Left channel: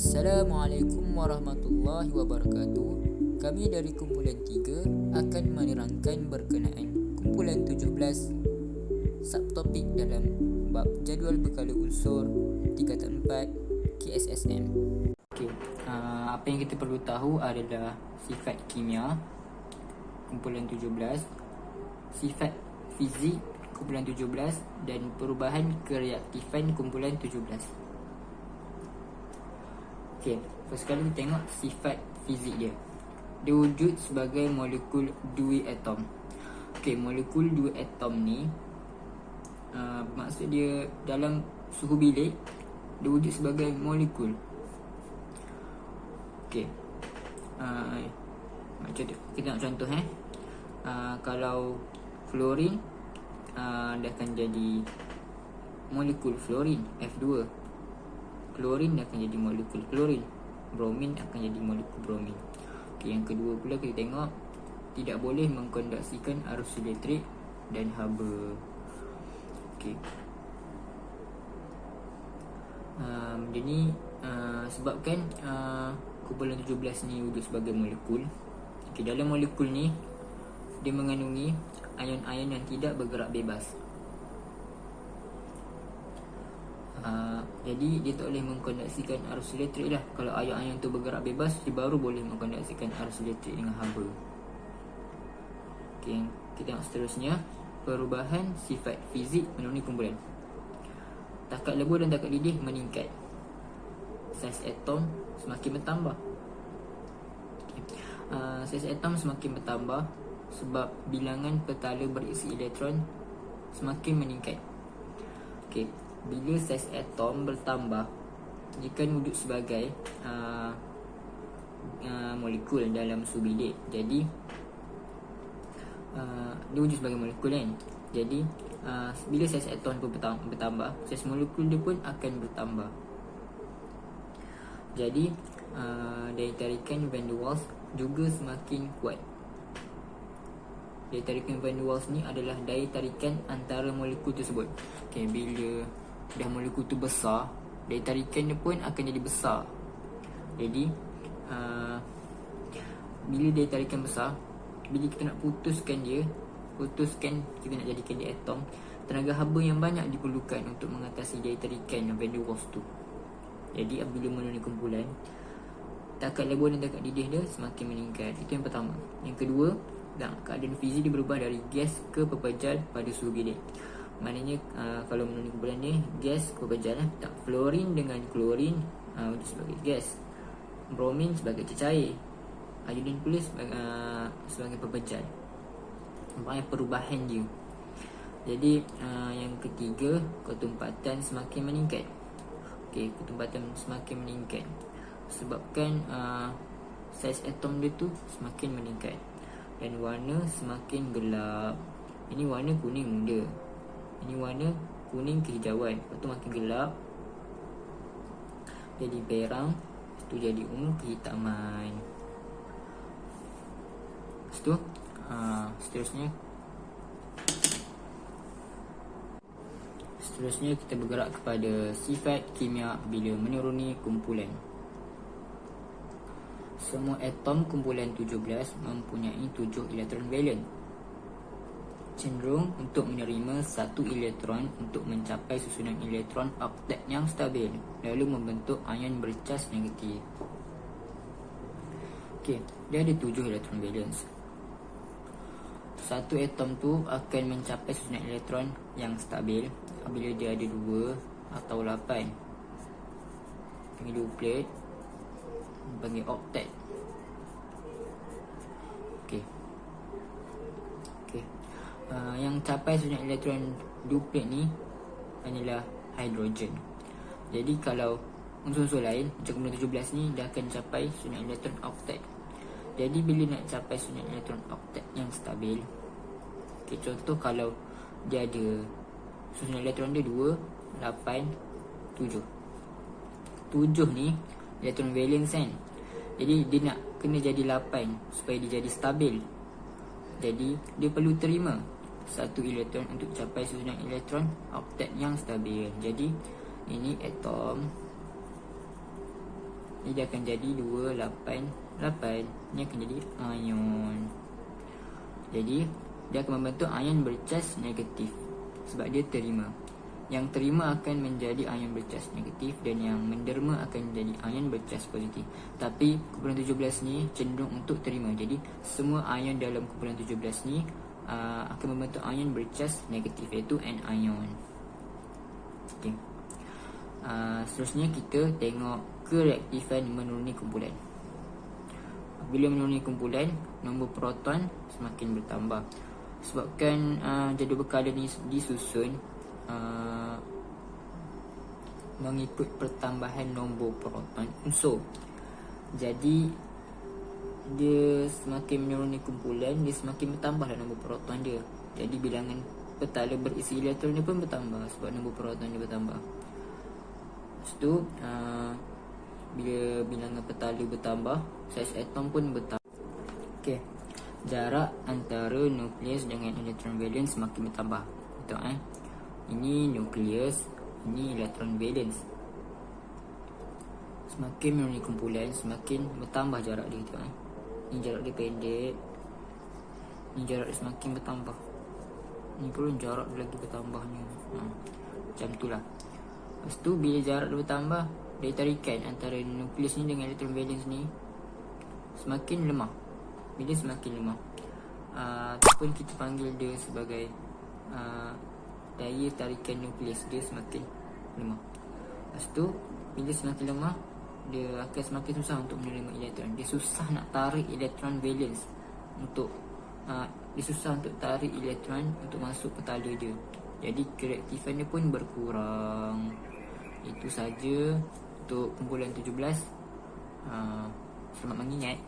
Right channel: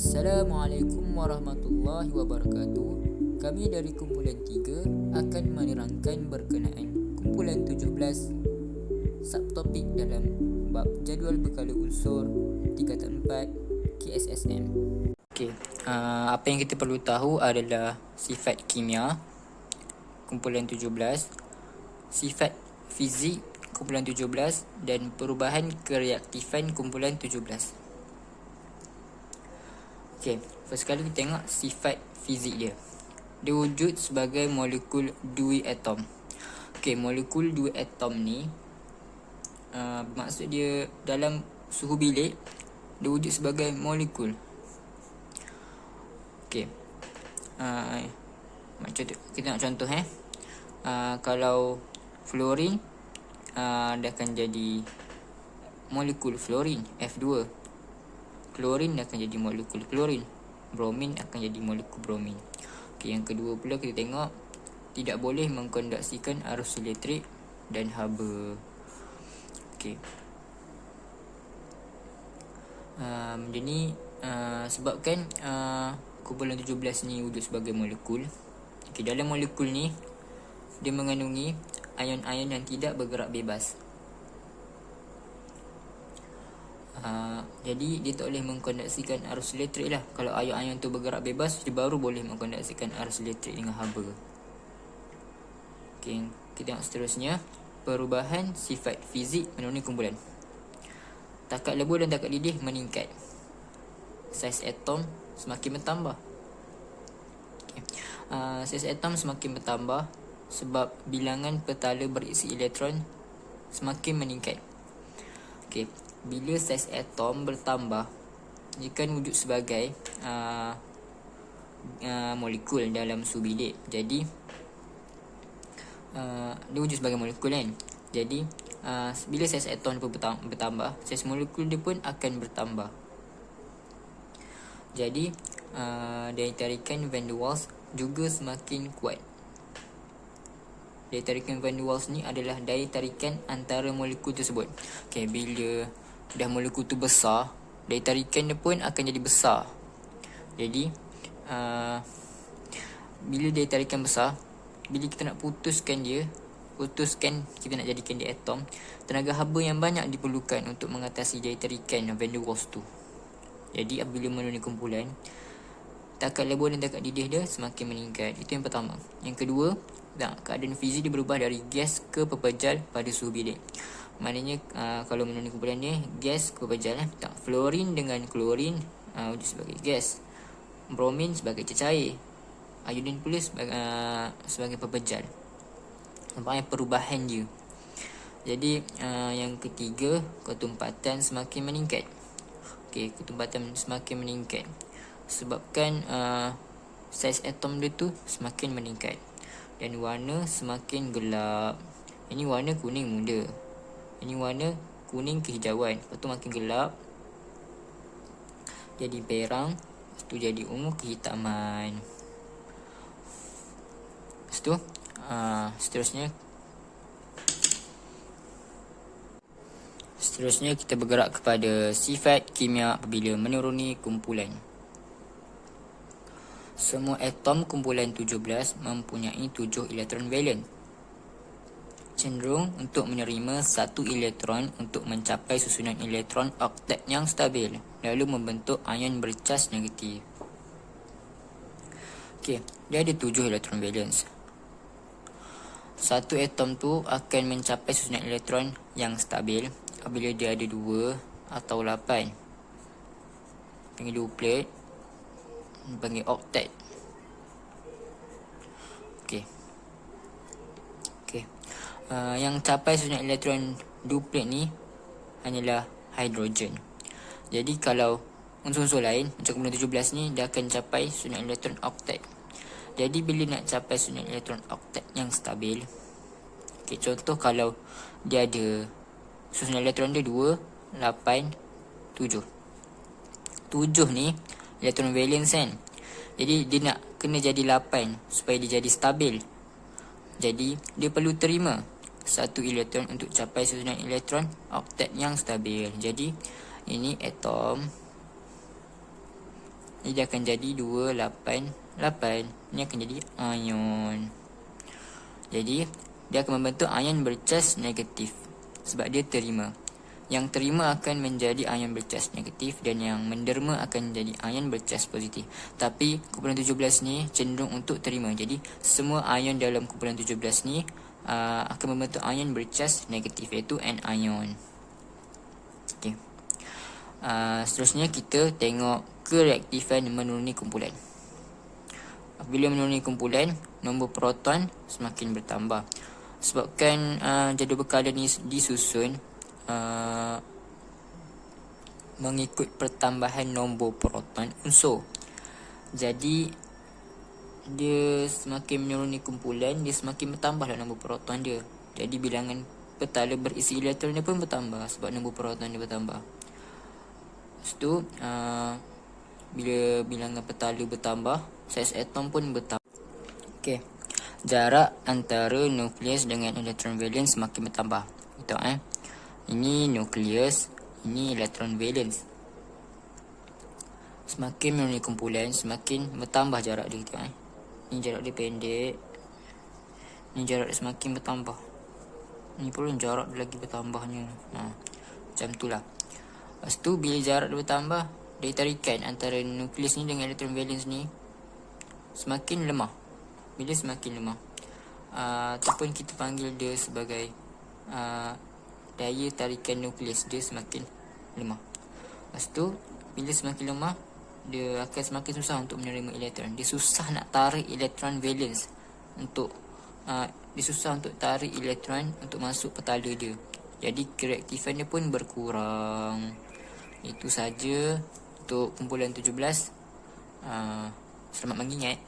Assalamualaikum warahmatullahi wabarakatuh. Kami dari kumpulan 3 akan menerangkan berkenaan kumpulan 17 subtopik dalam bab jadual berkala unsur tingkatan 4 KSSM. Apa yang kita perlu tahu adalah sifat kimia kumpulan 17, sifat fizik kumpulan 17 dan perubahan kereaktifan kumpulan 17. First kali kita tengok sifat fizik dia. Dia wujud sebagai molekul dui atom. Molekul dui atom ni maksud dia dalam suhu bilik dia wujud sebagai molekul. Kita tengok contoh kalau fluorin dia akan jadi molekul fluorin F2. Klorin akan jadi molekul klorin. Bromin akan jadi molekul bromin. Yang kedua pula kita tengok tidak boleh mengkonduksikan arus elektrik dan haba. Jadi sebabkan kumpulan 17 ni wujud sebagai molekul. Dalam molekul ni dia mengandungi ion-ion yang tidak bergerak bebas. Jadi dia tak boleh mengkonduksikan arus elektrik lah. Kalau ion-ion tu bergerak bebas, dia baru boleh mengkonduksikan arus elektrik dengan haba. Kita tengok seterusnya. Perubahan sifat fizik menuruni kumpulan. Takat lebur dan takat didih meningkat. Saiz atom semakin bertambah. Saiz atom semakin bertambah sebab bilangan petala berisi elektron semakin meningkat. Bila saiz atom bertambah, dia kan wujud sebagai molekul dalam suhu bilik. Jadi dia wujud sebagai molekul kan. Jadi bila saiz atom pun bertambah, saiz molekul dia pun akan bertambah. Jadi daya tarikan van der Waals juga semakin kuat. Daya tarikan van der Waals ni adalah daya tarikan antara molekul tersebut. Bila dah molekul tu besar, daya tarikan dia pun akan jadi besar. Jadi bila daya tarikan besar, bila kita nak putuskan kita nak jadikan dia atom, tenaga haba yang banyak diperlukan untuk mengatasi daya tarikan van der Waals tu. Jadi apabila menuruni kumpulan, takat lebur dan takat didih dia semakin meningkat. Itu yang pertama. Yang kedua, keadaan fizik dia berubah dari gas ke pepejal pada suhu bilik. Maknanya kalau menuruni kumpulan ni, gas ke pepejal fluorin dengan klorin wujud sebagai gas, bromin sebagai cecair, iodin pula sebagai pepejal. Nampaknya perubahan dia. Jadi yang ketiga, ketumpatan semakin meningkat. Ketumpatan semakin meningkat sebabkan saiz atom dia tu semakin meningkat dan warna semakin gelap. Ini warna kuning muda, ini warna kuning kehijauan. Lepas tu makin gelap jadi perang, lepas tu jadi ungu kehitaman. Lepas tu Seterusnya kita bergerak kepada sifat kimia apabila menuruni kumpulan. Semua atom kumpulan 17 mempunyai 7 elektron valen, cenderung untuk menerima 1 elektron untuk mencapai susunan elektron oktet yang stabil, lalu membentuk ion bercas negatif. Dia ada 7 elektron valence. Satu atom tu akan mencapai susunan elektron yang stabil apabila dia ada 2 atau 8. Panggil duplet, panggil oktet. Yang capai susunan elektron duplet ni hanyalah hidrogen. Jadi kalau unsur-unsur lain macam kumpulan 17 ni, dia akan capai susunan elektron oktet. Jadi bila nak capai susunan elektron oktet yang stabil, contoh kalau dia ada susunan elektron dia 2, 8, 7. 7 ni elektron valence kan. Jadi dia nak kena jadi 8 supaya dia jadi stabil. Jadi dia perlu terima 1 elektron untuk capai susunan elektron oktet yang stabil. Jadi ini atom Jadi dia akan jadi 288. Ini akan jadi ion. Jadi dia akan membentuk ion bercas negatif sebab dia terima. Yang terima akan menjadi ion bercas negatif dan yang menderma akan menjadi ion bercas positif. Tapi kumpulan 17 ni cenderung untuk terima. Jadi semua ion dalam kumpulan 17 ni akan membentuk ion bercas negatif, iaitu anion. Okey. Seterusnya kita tengok kereaktifan menuruni kumpulan. Bila menuruni kumpulan, nombor proton semakin bertambah. Sebabkan jadual berkala ni disusun mengikut pertambahan nombor proton unsur. Jadi dia semakin menuruni kumpulan, dia semakin bertambahlah nombor proton dia. Jadi bilangan petala berisi elektron dia pun bertambah sebab nombor proton dia bertambah. Lepas tu bila bilangan petala bertambah, saiz atom pun bertambah. Okey. Jarak antara nukleus dengan elektron valence semakin bertambah. Betul Ini nukleus, ini elektron valence. Semakin menuruni kumpulan, semakin bertambah jarak dia. Ini jarak dia pendek. Ini jarak dia semakin bertambah. Ini pun jarak dia lagi bertambahnya. Macam tu lah. Lepas tu bila jarak dia bertambah, daya tarikan antara nukleus ni dengan elektron valence ni semakin lemah. Bila semakin lemah, ataupun kita panggil dia sebagai daya tarikan nukleus dia semakin lemah. Lepas tu bila semakin lemah, dia akan semakin susah untuk menerima elektron. Dia susah nak tarik elektron valence untuk dia susah untuk tarik elektron untuk masuk petala dia. Jadi kereaktifan dia pun berkurang. Itu saja untuk kumpulan 17. Selamat mengingat.